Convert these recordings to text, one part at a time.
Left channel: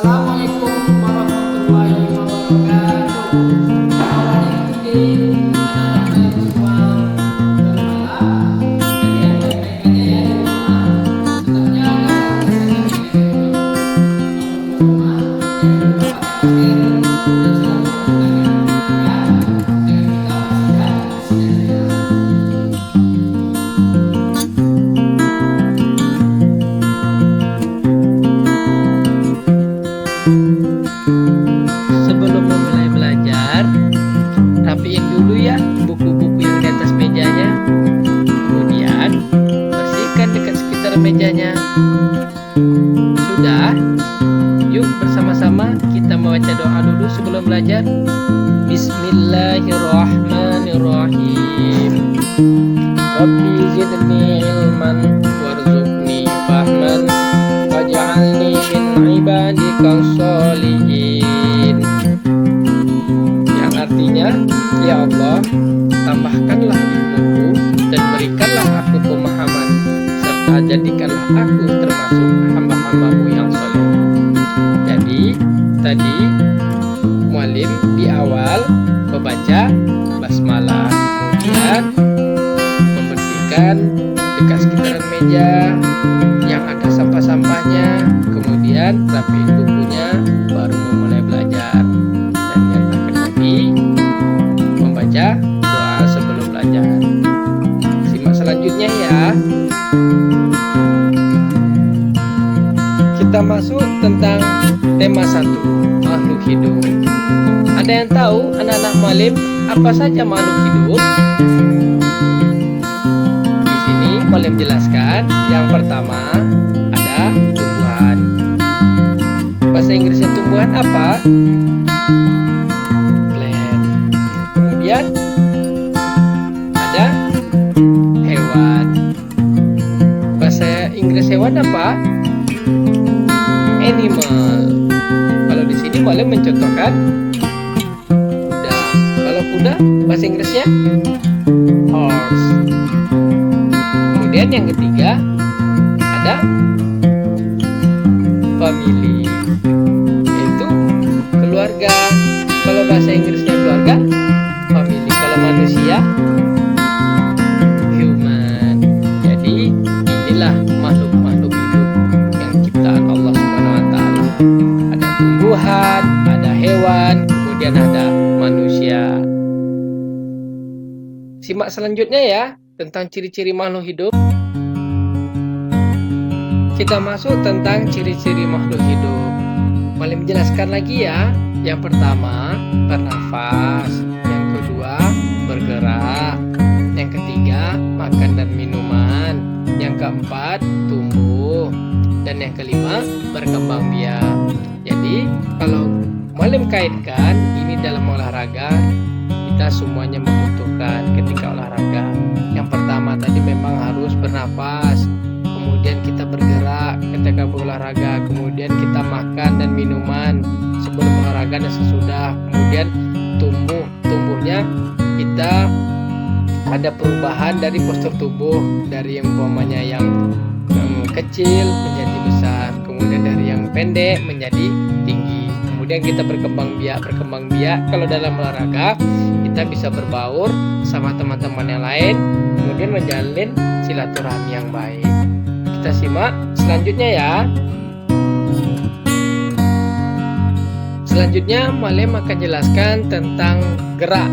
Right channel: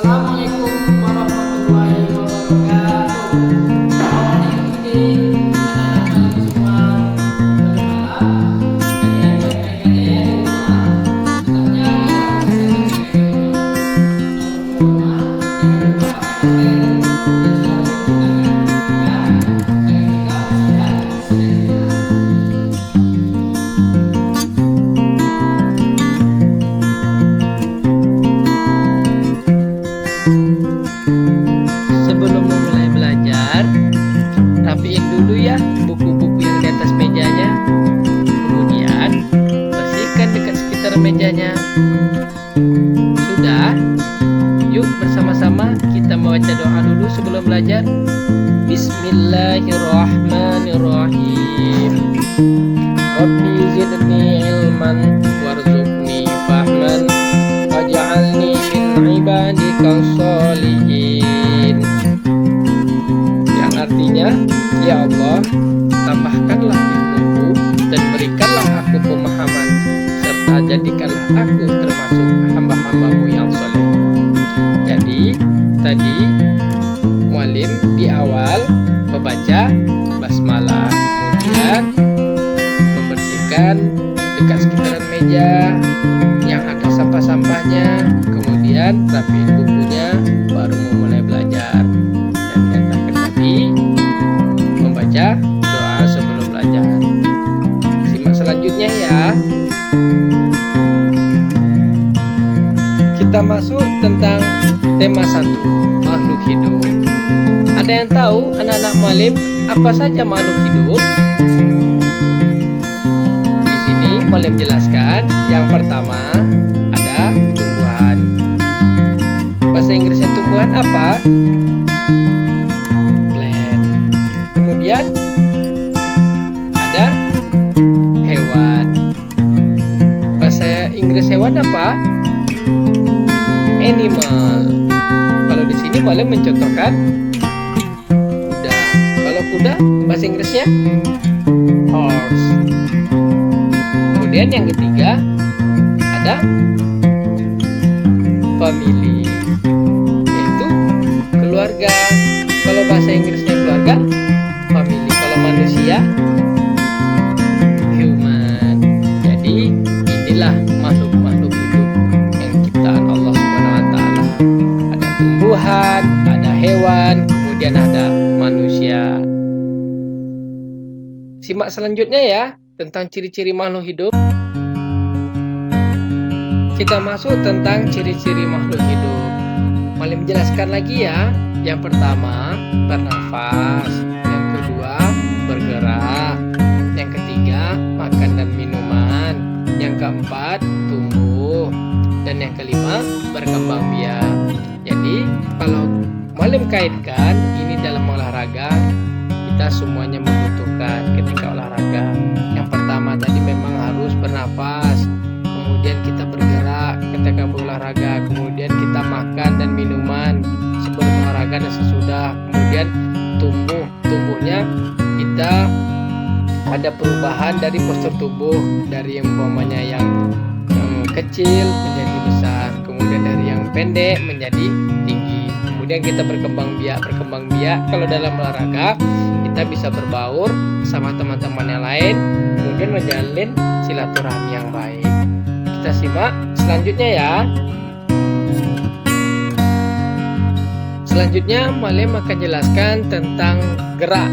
Assalamualaikum warahmatullahi wabarakatuh. Selamat today anak-anak malam semua. Malam malam kalian baik-baik aja ya di rumah. Tetap jaga selalu kesehatan kalian di rumah. Kalau keluar rumah jangan lupa pakai masker dan selalu cuci tangan agar tangan kita bersih dan sehat. Sebelum memulai belajar, rapiin dulu ya buku-buku yang di atas mejanya. Kemudian, bersihkan dekat sekitar mejanya. Sudah? Yuk bersama-sama kita membaca doa dulu sebelum belajar. Bismillahirrahmanirrahim. Rabbi zidni ilman warzuqni fahman waj'alni min ibadika sholihin. Yang artinya, ya Allah, tambahkanlah ilmuku dan berikanlah aku pemahaman, serta jadikanlah aku termasuk hamba-hambamu yang soleh. Jadi, tadi mualim di awal membaca basmalah, kemudian membersihkan dekat sekitaran meja yang ada sampah-sampahnya, kemudian rapiin bukunya, baru memulai belajar. Dan yang terakhir tadi membaca doa sebelum belajar. Simak selanjutnya ya. Kita masuk tentang tema 1, makhluk hidup. Ada yang tahu anak-anak mualim apa saja makhluk hidup? Di sini mualim jelaskan. Yang pertama ada tumbuhan. Bahasa Inggrisnya tumbuhan apa? Plant. Kemudian ada hewan. Bahasa Inggris hewan apa? Animal. Kalau di sini boleh mencontohkan kuda. Kalau kuda bahasa Inggrisnya horse. Kemudian yang ketiga ada family, yaitu keluarga. Kalau bahasa Inggrisnya keluarga, family. Kalau manusia, human. Jadi inilah makhluk-makhluk hidup yang ciptaan Allah Subhanahu wa taala. Ada tumbuhan, ada hewan, kemudian ada manusia. Simak selanjutnya ya tentang ciri-ciri makhluk hidup. Kita masuk tentang ciri-ciri makhluk hidup. Boleh menjelaskan lagi ya. Yang pertama, bernafas. Yang kedua, bergerak. Yang ketiga, makan dan minuman. Yang keempat, tumbuh. Dan yang kelima, berkembang biak. Jadi, kalau Mualim kaitkan ini dalam olahraga, kita semuanya membutuhkan ketika olahraga. Yang pertama tadi memang harus bernafas. Kemudian kita bergerak ketika berolahraga. Kemudian kita makan dan minuman sebelum olahraga dan sesudah. Kemudian tumbuhnya kita ada perubahan dari postur tubuh, dari umpamanya yang kecil menjadi besar, kemudian dari yang pendek menjadi tinggi. Kemudian kita berkembang biak kalau dalam olahraga kita bisa berbaur sama teman-teman yang lain, kemudian menjalin silaturahmi yang baik. Kita simak selanjutnya ya. Selanjutnya Mualim akan jelaskan tentang gerak.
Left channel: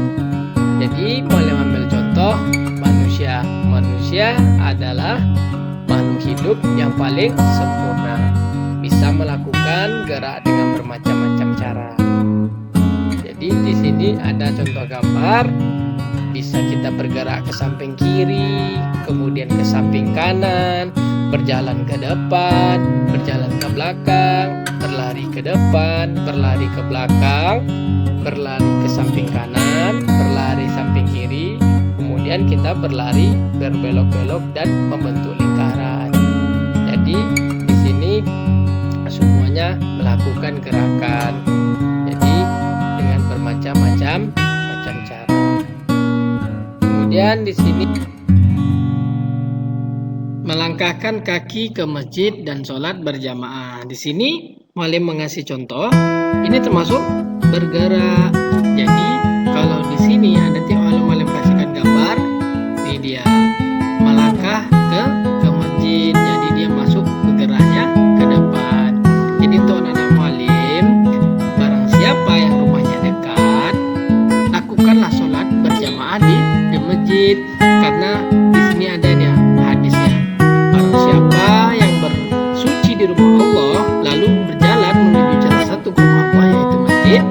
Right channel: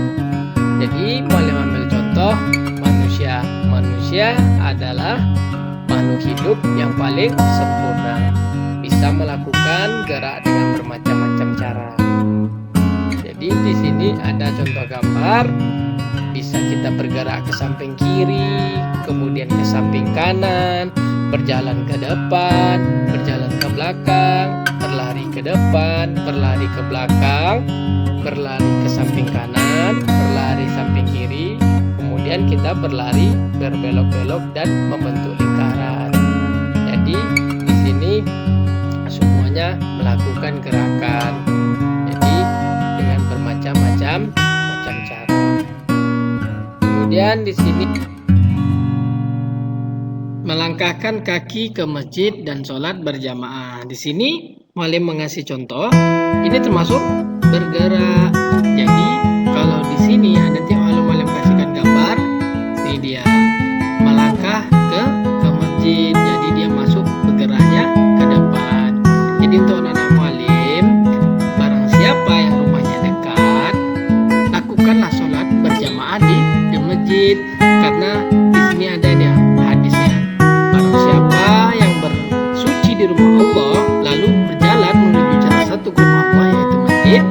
Jadi Mualim ambil contoh manusia. Manusia adalah makhluk hidup yang paling sempurna, bisa melakukan gerak dengan bermacam-macam cara. Jadi di sini ada contoh gambar, bisa kita bergerak ke samping kiri, kemudian ke samping kanan, berjalan ke depan, berjalan ke belakang, berlari ke depan, berlari ke belakang, berlari ke samping kanan, berlari samping kiri, kemudian kita berlari berbelok-belok dan membentuk lingkaran. Jadi di sini semuanya melakukan gerakan. Jadi dengan bermacam-macam cara. Kemudian di sini melangkahkan kaki ke masjid dan sholat berjamaah. Di sini Muallim mengasih contoh. Ini termasuk bergerak. Jadi kalau di sini nanti Muallim kasihkan gambar. Ini dia melangkah ke masjid. Jadi dia masuk bergeraknya ke depan. Jadi untuk anak-anak Muallim, barang siapa yang rumahnya dekat, lakukanlah sholat berjamaah di masjid. Karena di sini ada nih hadisnya. Barang siapa yang bersuci di rumah Allah lalu berjalan menuju salah satu ke rumah Allah yaitu masjid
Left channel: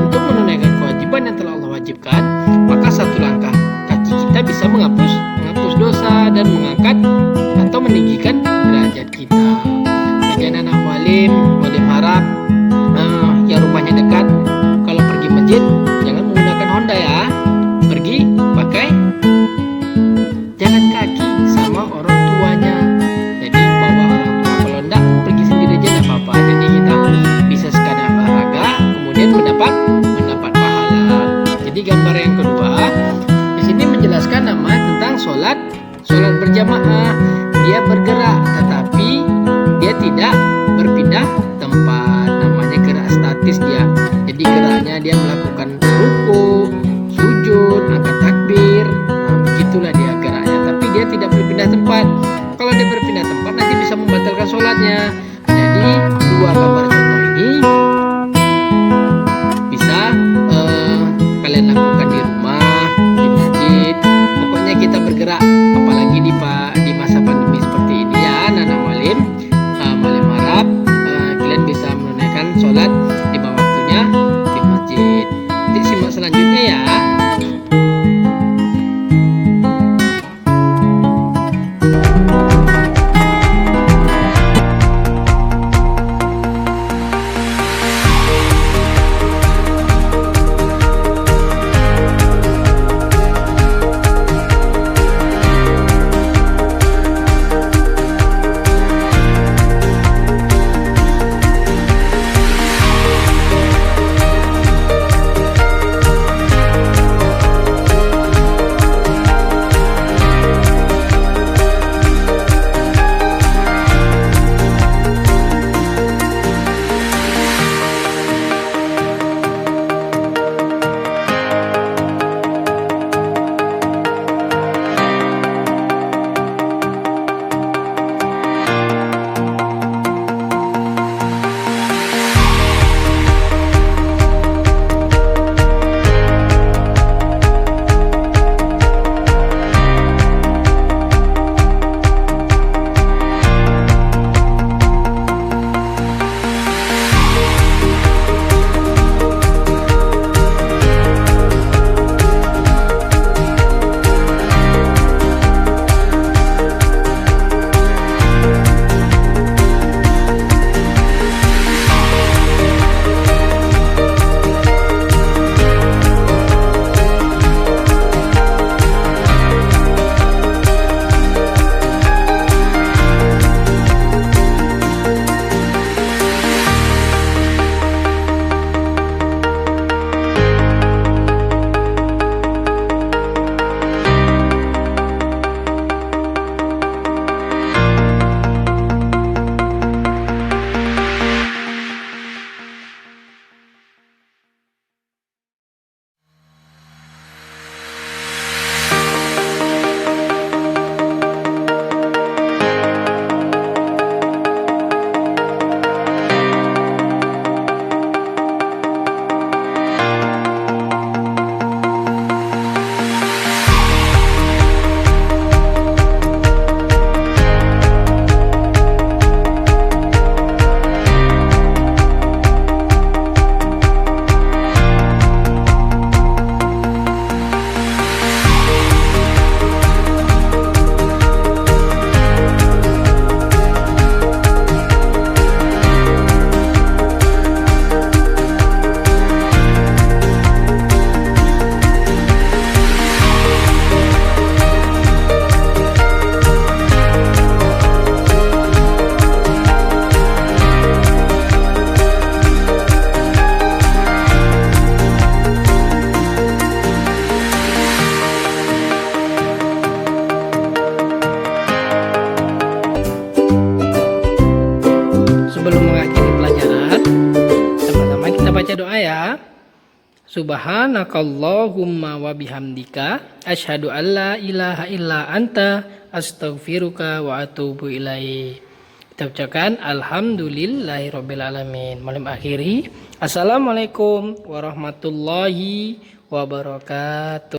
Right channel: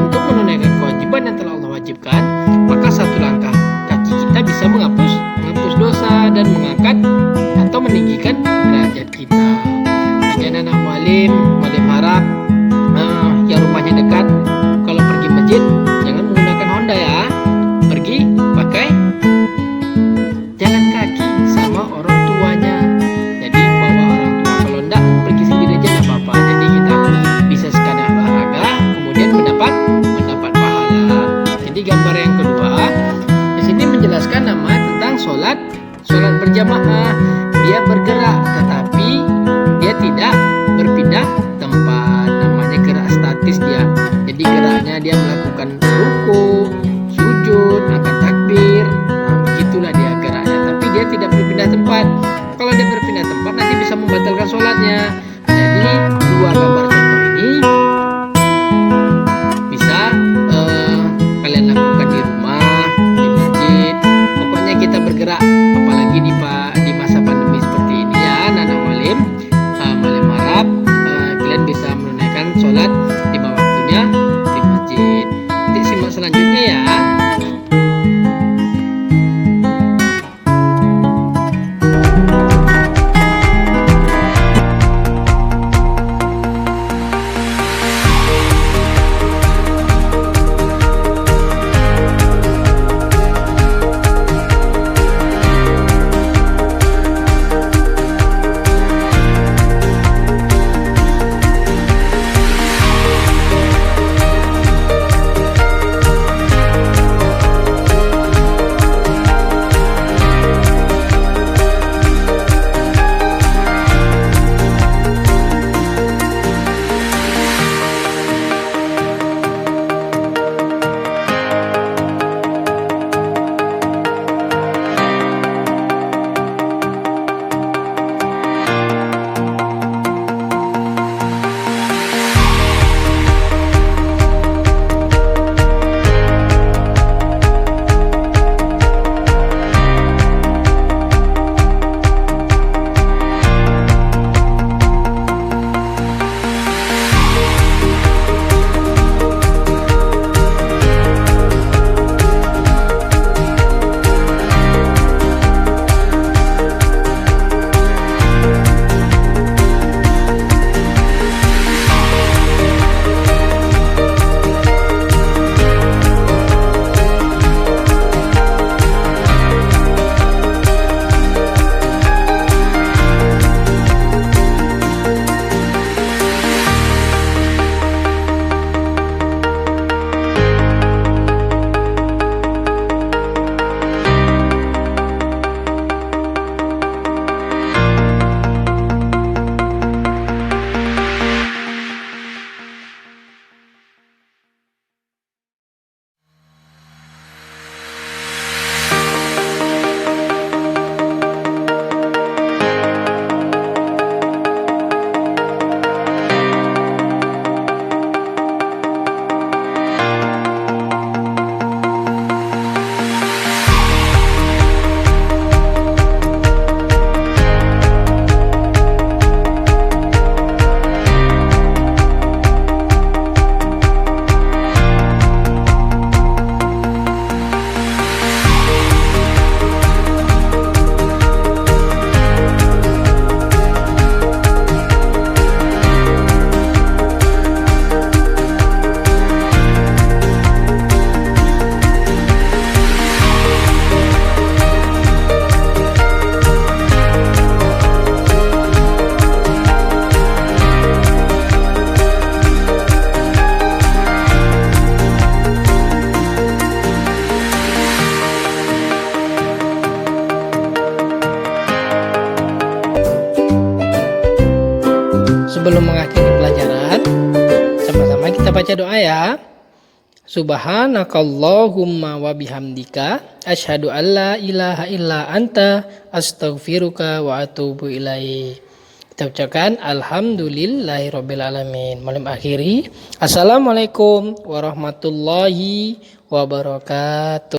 untuk menunaikan kewajiban yang telah Allah wajibkan, maka satu langkah kaki kita bisa menghapus dosa dan mengangkat atau meninggikan derajat kita. Jadi anak-anak Muallim harap yang rumahnya dekat, kalau pergi masjid jangan menggunakan Honda ya, pergi pakai jalan kaki sama orang tuanya. Jadi bawa orang tua. Kalau enggak pergi sendiri aja enggak apa-apa. Jadi kita bisa sekadar olahraga kemudian mendapat pahala. Jadi gambar yang kedua di sini menjelaskan nama tentang sholat berjamaah. Dia bergerak tetapi dia tidak berpindah tempat. Namanya gerak statis dia. Jadi geraknya dia melakukan ruku, sujud, angkat takbir. Nah, begitulah dia geraknya. Tapi dia tidak berpindah tempat. Kalau dia berpindah tempat nanti bisa membatalkan sholatnya. Jadi dua gambar contoh ini bisa kalian lakukan di rumah, di masjid. Pokoknya kita bergerak. Apalagi di masa pandemi seperti ini ya, anak-anak Muallim. Muallim harap kalian bisa menunaikan sholat 5 waktunya di masjid. Nanti simak selanjutnya ya. baca doa ya. Subhanakallahumma wa bihamdika asyhadu an la ilaha illa anta astaghfiruka wa atubu ilaik. Kita ucapkan alhamdulillahirabbil alamin. Malam akhiri. Assalamualaikum warahmatullahi wabarakatuh.